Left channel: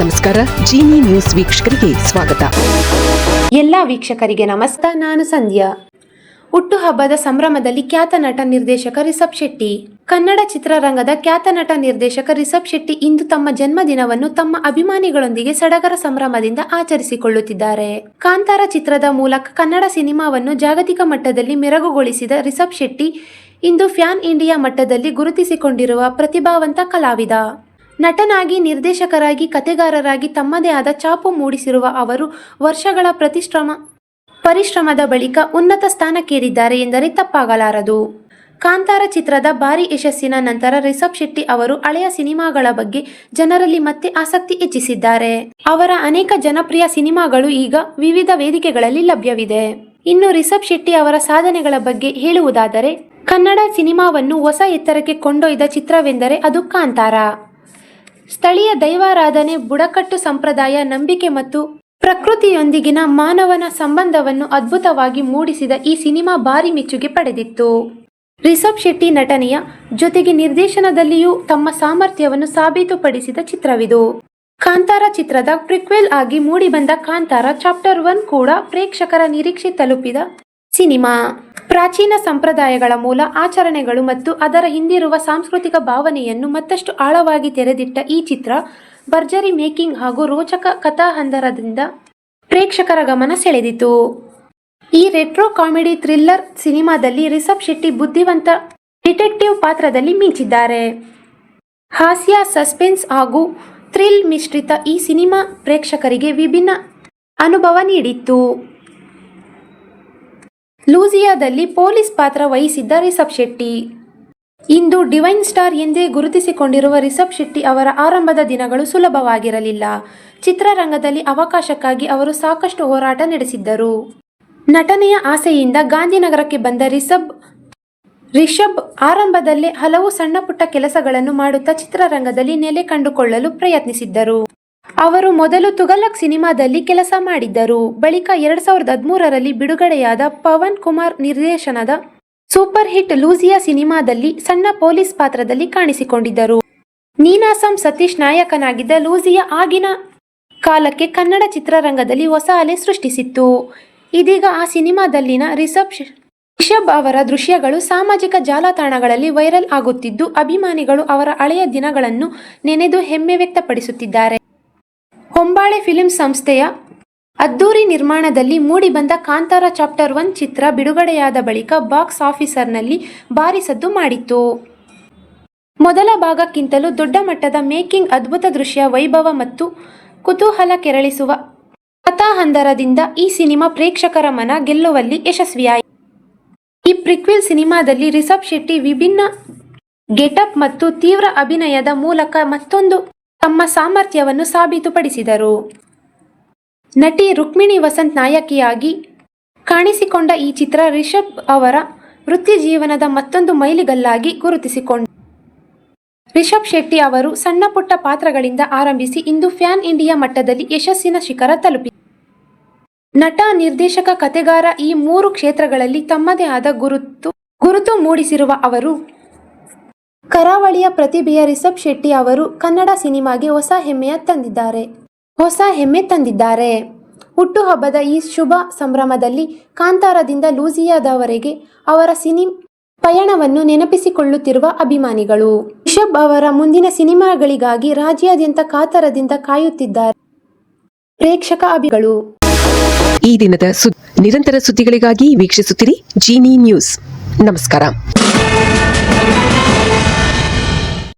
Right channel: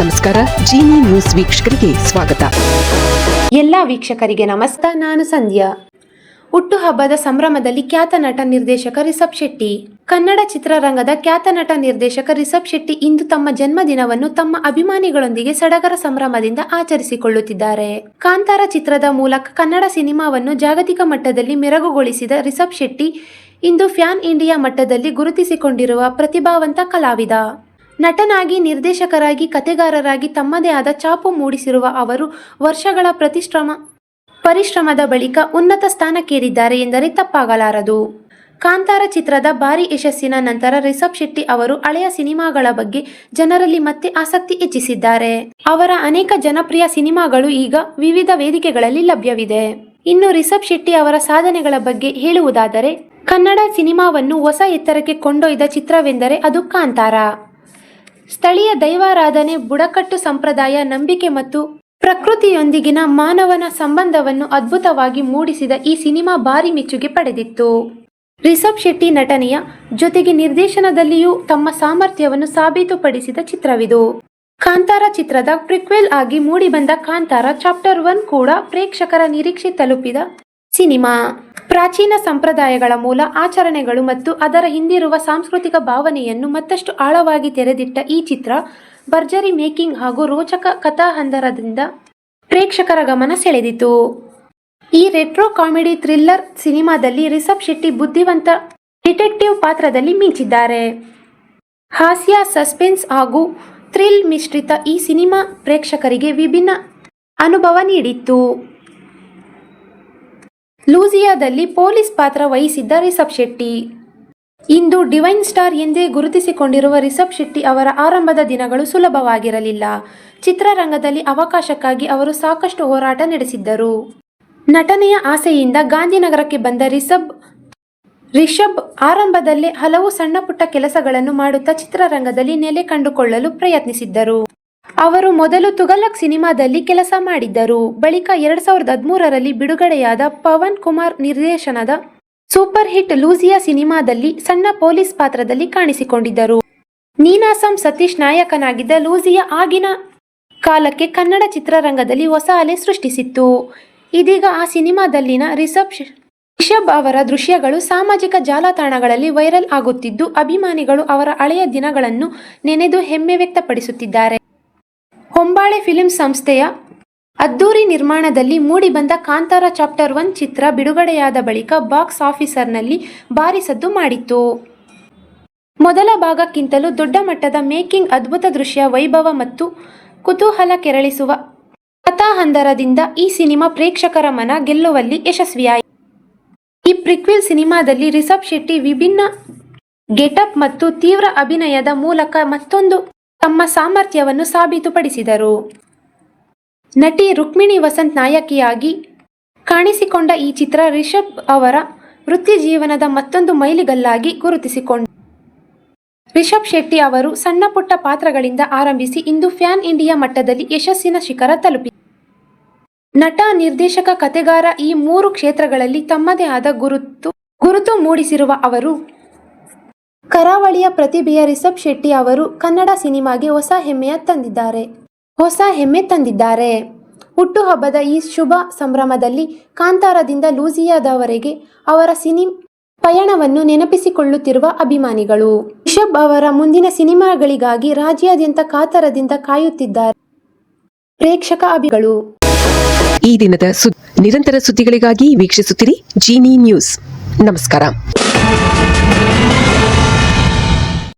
ನಮಸ್ಕಾರ. ಜೀನಿ ನ್ಯೂಸ್ ವೀಕ್ಷಕರಿಗೆ ಸ್ವಾಗತ. ಎಲ್ಲ ವೀಕ್ಷಕರಿಗೆ ನಮಸ್ಕಾರ. ನಾನು ಸಂಧ್ಯಾ. ಹುಟ್ಟುಹಬ್ಬದ ಸಂಭ್ರಮದಲ್ಲಿ ಖ್ಯಾತ ನಟ ನಿರ್ದೇಶಕ ರಿಷಬ್ ಶೆಟ್ಟಿ. ಕನ್ನಡ ಚಿತ್ರರಂಗದ ಖ್ಯಾತ ನಟ ನಿರ್ದೇಶಕ ರಿಷಬ್ ಶೆಟ್ಟಿ ಇಂದು ತಮ್ಮ ಜನ್ಮದಿನವನ್ನು ತಮ್ಮ ಅಭಿಮಾನಿಗಳೊಂದಿಗೆ ಸಡಗರ ಸಂಭ್ರಮದಿಂದ ಆಚರಿಸಿಕೊಳ್ಳುತ್ತಿದ್ದಾರೆ. ಕಾಂತಾರ ಚಿತ್ರದ ಮೂಲಕ ಕನ್ನಡ ಸಿನಿಮಾವನ್ನು ಜಾಗತಿಕ ಮಟ್ಟದಲ್ಲಿ ಮೆರಗುಗೊಳಿಸಿದ ರಿಷಬ್ ಶೆಟ್ಟಿ ಇಂದು ಫ್ಯಾನ್ ಇಂಡಿಯಾ ಮಟ್ಟದಲ್ಲಿ ಗುರುತಿಸಿಕೊಂಡಿರುವ ಪ್ರತಿಭಾವಂತ ಕಲಾವಿದ. ನಟನಾಗಿ, ನಿರ್ದೇಶಕರಾಗಿ, ಕಥೆಗಾರರಾಗಿ ತಮ್ಮದೇ ಆದ ಛಾಪು ಮೂಡಿಸಿರುವ ಅವರು ವರ್ಷಗಳ ಪರಿಶ್ರಮದ ಬಳಿಕ ಉನ್ನತ ಸ್ಥಾನಕ್ಕೇರಿದ್ದಾರೆ ಎಂದರೆ ತಪ್ಪಾಗಲಾರದು. ಕಾಂತಾರ ಚಿತ್ರದ ಭಾರೀ ಯಶಸ್ಸಿನ ನಂತರ ರಿಷಬ್ ಶೆಟ್ಟಿ ಅವರು ಹಳೆಯ ಸಿನಿಮಾಗಳ ಬಗ್ಗೆ ಜನರಲ್ಲಿ ಮತ್ತೆ ಆಸಕ್ತಿ ಹೆಚ್ಚಿಸಿದ್ದಾರೆ. ಅವರ ಅನೇಕ ಜನಪ್ರಿಯ ಸಿನಿಮಾಗಳು ಈಗ ವಿವಿಧ ವೇದಿಕೆಗಳಲ್ಲಿ ಲಭ್ಯವಿದೆ. ಇನ್ನು ರಿಷಬ್ ಶೆಟ್ಟಿ ಅವರ ಸಾಧನೆಗಳ ಬಗ್ಗೆ ಹೇಳುವುದಾದರೆ, ಕನ್ನಡ ಸಿನಿಮಾವನ್ನು ಹೊಸ ಎತ್ತರಕ್ಕೆ ಕೊಂಡೊಯ್ದ ಚಿತ್ರವೆಂದರೆ ಅದು ಕಾಂತಾರ. ಸ್ಥಳೀಯ ದೈವಾರಾಧನೆ, ಬುಡಕಟ್ಟು ಸಂಪ್ರದಾಯ, ನಂಬಿಕೆ ಮತ್ತು ಪ್ರಕೃತಿಯೊಂದಿಗಿನ ಮಾನವನ ಸಂಬಂಧವನ್ನು ಅದ್ಭುತವಾಗಿ ಮೂಡಿಸಿದ ಈ ಸಿನಿಮಾ ಭಾರಿ ಮೆಚ್ಚುಗೆ ಪಡೆದಿತ್ತು. ರಿಷಬ್ ಶೆಟ್ಟಿ ನಟನೆಯ ಜೊತೆಗೆ ನಿರ್ದೇಶನದಲ್ಲಿಯೂ ತಮ್ಮ ಸಾಮರ್ಥ್ಯವನ್ನು ಸಾಬೀತುಪಡಿಸಿದ ಚಿತ್ರವಿದು. ಕಾಂತಾರ ಚಿತ್ರದ ಪ್ರಿಕ್ವೆಲ್ ಆಗಿ ಮೂಡಿಬಂದ ಕಾಂತಾರ ಚಾಪ್ಟರ್ 1 ಕೂಡ ಪ್ರೇಕ್ಷಕರ ನಿರೀಕ್ಷೆ ತಲುಪಿದ ಸಿನಿಮಾ. ಪ್ರಾಚೀನ ಸಂಪ್ರದಾಯಗಳ ಮೂಲ ಆಚರಣೆಗಳು ಮತ್ತು ಅದರ ಹಿಂದಿರುವ ಸಾಂಸ್ಕೃತಿಕ ಭಾವನೆಯನ್ನು ಮತ್ತಷ್ಟು ಆಳವಾಗಿ ತೆರೆದಿಟ್ಟ ಈ ಚಿತ್ರ ಭರ್ಜರಿ ಮೇಕಿಂಗ್ ಹಾಗೂ ರೋಚಕ ಕಥಾಹಂದರದಿಂದ ಪ್ರೇಕ್ಷಕರ ಗಮನ ಸೆಳೆದಿತು. ಈ ರೆಟ್ರೋ ಕಾಮಿಡಿ ಥ್ರಿಲ್ಲರ್ ಸಿನಿಮಾದಲ್ಲಿ ರಿಷಬ್ ಶೆಟ್ಟಿ ಬುದ್ಧಿವಂತ ಡಿಟೆಕ್ಟಿವ್ ಪಾತ್ರದಲ್ಲಿ ಮಿಂಚಿದ್ದಾರೆ. ಹಾಸ್ಯ, ಸಸ್ಪೆನ್ಸ್ ಹಾಗೂ ಥ್ರಿಲ್ ಮಿಶ್ರಿತ ಈ ಸಿನಿಮಾ ಪ್ರೇಕ್ಷಕರಿಗೆ ವಿಭಿನ್ನ ಅನುಭವ ನೀಡಿತ್ತು. ಲೂಸಿಯಾದಲ್ಲಿ ಪೊಲೀಸ್ ಪಾತ್ರ ವಹಿಸಿದ್ದ ರಿಷಬ್ ಶೆಟ್ಟಿ. ಇಂದು ಡಿವೈನ್ ಸ್ಟಾರ್ ಎಂದೇ ಗುರುತಿಸಿಕೊಂಡಿರುವ ರಿಷಬ್ ಶೆಟ್ಟಿ ಅವರ ಆರಂಭದ ದಿನಗಳು ಸುಲಭವಾಗಿರಲಿಲ್ಲ. ಚಿತ್ರರಂಗದಲ್ಲಿ ಅವಕಾಶಕ್ಕಾಗಿ ಅವರು ಸಾಕಷ್ಟು ಹೋರಾಟ ನಡೆಸಿದ್ದರು. ನಟನೆಯ ಆಸೆಯಿಂದ ಗಾಂಧಿನಗರಕ್ಕೆ ಬಂದ ರಿಷಬ್ ಆರಂಭದಲ್ಲೇ ಹಲವು ಸಣ್ಣ ಪುಟ್ಟ ಕೆಲಸಗಳನ್ನು ಮಾಡುತ್ತಾ ಚಿತ್ರರಂಗದಲ್ಲಿ ನೆಲೆ ಕಂಡುಕೊಳ್ಳಲು ಪ್ರಯತ್ನಿಸಿದ್ದರು. ಅವರು ಮೊದಲು ತುಘಲಕ್ ಸಿನಿಮಾದಲ್ಲಿ ಕೆಲಸ ಮಾಡಿದ್ದರು. ಬಳಿಕ 2013ರಲ್ಲಿ ಬಿಡುಗಡೆಯಾದ ಪವನ್ ಕುಮಾರ್ ನಿರ್ದೇಶನದ ಸೂಪರ್ ಹಿಟ್ ಲೂಸಿಯಾ ಸಿನಿಮಾದಲ್ಲಿ ಸಣ್ಣ ಪೊಲೀಸ್ ಪಾತ್ರದಲ್ಲಿ ಕಾಣಿಸಿಕೊಂಡಿದ್ದರು. ನೀನಾಸಂ ಸತೀಶ್ ನಾಯಕನಾಗಿದ್ದ ಲೂಸಿಯಾ ಆಗಿನ ಕಾಲಕ್ಕೆ ಕನ್ನಡ ಚಿತ್ರರಂಗದಲ್ಲಿ ಹೊಸ ಅಲೆ ಸೃಷ್ಟಿಸಿತ್ತು. ಇದೀಗ ಆ ಸಿನಿಮಾದಲ್ಲಿನ ರಿಷಬ್ ಅವರ ದೃಶ್ಯಗಳು ಸಾಮಾಜಿಕ ಜಾಲತಾಣಗಳಲ್ಲಿ ವೈರಲ್ ಆಗುತ್ತಿದ್ದು, ಅಭಿಮಾನಿಗಳು ಅವರ ಹಳೆಯ ದಿನಗಳನ್ನು ನೆನೆದು ಹೆಮ್ಮೆ ವ್ಯಕ್ತಪಡಿಸುತ್ತಿದ್ದಾರೆ. ಹೊಂಬಾಳೆ ಫಿಲ್ಮ್ ಸಂಸ್ಥೆಯ ಅದ್ದೂರಿ ನಿರ್ಮಾಣದಲ್ಲಿ ಮೂಡಿಬಂದ ಕಾಂತಾರ ಚಾಪ್ಟರ್ 1 ಚಿತ್ರ ಬಿಡುಗಡೆಯಾದ ಬಳಿಕ ಬಾಕ್ಸ್ ಆಫೀಸರ್ನಲ್ಲಿ ಭಾರಿ ಸದ್ದು ಮಾಡಿತ್ತು. ಮೊದಲ ಭಾಗಕ್ಕಿಂತಲೂ ದೊಡ್ಡ ಮಟ್ಟದ ಮೇಕಿಂಗ್, ಅದ್ಭುತ ದೃಶ್ಯ ವೈಭವ ಮತ್ತು ಕುತೂಹಲ ಕೆರಳಿಸುವ ಕಥಾಹಂದರದಿಂದ ಈ ಸಿನಿಮಾ ಪ್ರೇಕ್ಷಕರ ಮನ ಗೆಲ್ಲುವಲ್ಲಿ ಯಶಸ್ವಿಯಾಯಿತು. ಈ ಪ್ರಿಕ್ವೆಲ್ ಸಿನಿಮಾದಲ್ಲಿ ರಿಷಬ್ ಶೆಟ್ಟಿ ವಿಭಿನ್ನ ಗೆಟಪ್ ಮತ್ತು ತೀವ್ರ ಅಭಿನಯದ ಮೂಲಕ ಮತ್ತೊಂದು ತಮ್ಮ ಸಾಮರ್ಥ್ಯವನ್ನು ಸಾಬೀತುಪಡಿಸಿದರು. ನಟಿ ರುಕ್ಮಿಣಿ ವಸಂತ್ ನಾಯಕಿಯಾಗಿ ಕಾಣಿಸಿಕೊಂಡ ಈ ಚಿತ್ರ ರಿಷಬ್ ಅವರ ವೃತ್ತಿ ಜೀವನದ ಮತ್ತೊಂದು ಮೈಲಿಗಲ್ಲಾಗಿ ಗುರುತಿಸಿಕೊಂಡ ರಿಷಬ್ ಶೆಟ್ಟಿ ಅವರು ಸಣ್ಣ ಪುಟ್ಟ ಪಾತ್ರಗಳಿಂದ ಆರಂಭಿಸಿ ಇಂದು ಫ್ಯಾನ್ ಇಂಡಿಯಾ ಮಟ್ಟದಲ್ಲಿ ಯಶಸ್ಸಿನ ಶಿಖರ ತಲುಪಿ ನಟ, ನಿರ್ದೇಶಕ, ಕಥೆಗಾರ ಈ 3 ಕ್ಷೇತ್ರಗಳಲ್ಲಿ ತಮ್ಮದೇ ಆದ ಗುರುತು ಮೂಡಿಸಿರುವ ಅವರು ಕರಾವಳಿಯ ಪ್ರತಿಭೆಯ ರಿಷಬ್ ಶೆಟ್ಟಿ ಅವರು ಕನ್ನಡ ಸಿನಿಮಾಗೆ ಹೊಸ ಹೆಮ್ಮೆ ತಂದಿದ್ದಾರೆ. ಹುಟ್ಟುಹಬ್ಬದ ಈ ಶುಭ ಸಂಭ್ರಮದಲ್ಲಿ ಕಾಂತಾರದಿಂದ ಲೂಸಿಯಾದವರೆಗೆ ಅವರ ಪಯಣವನ್ನು ನೆನಪಿಸಿಕೊಳ್ಳುತ್ತಿರುವ ಅಭಿಮಾನಿಗಳು ರಿಷಬ್ ಅವರ ಮುಂದಿನ ಸಿನಿಮಾಗಳಿಗಾಗಿ ರಾಜ್ಯಾದ್ಯಂತ ಕಾತರದಿಂದ ಕಾಯುತ್ತಿದ್ದಾರೆ. ಪ್ರೇಕ್ಷಕ ಅಭಿಮಾನಿಗಳು ಈ ದಿನದ ನಿರಂತರ ಸುದ್ದಿಗಳಿಗಾಗಿ ವೀಕ್ಷಿಸುತ್ತಿರಿ ಜೀನಿ ನ್ಯೂಸ್. ನಮಸ್ಕಾರ.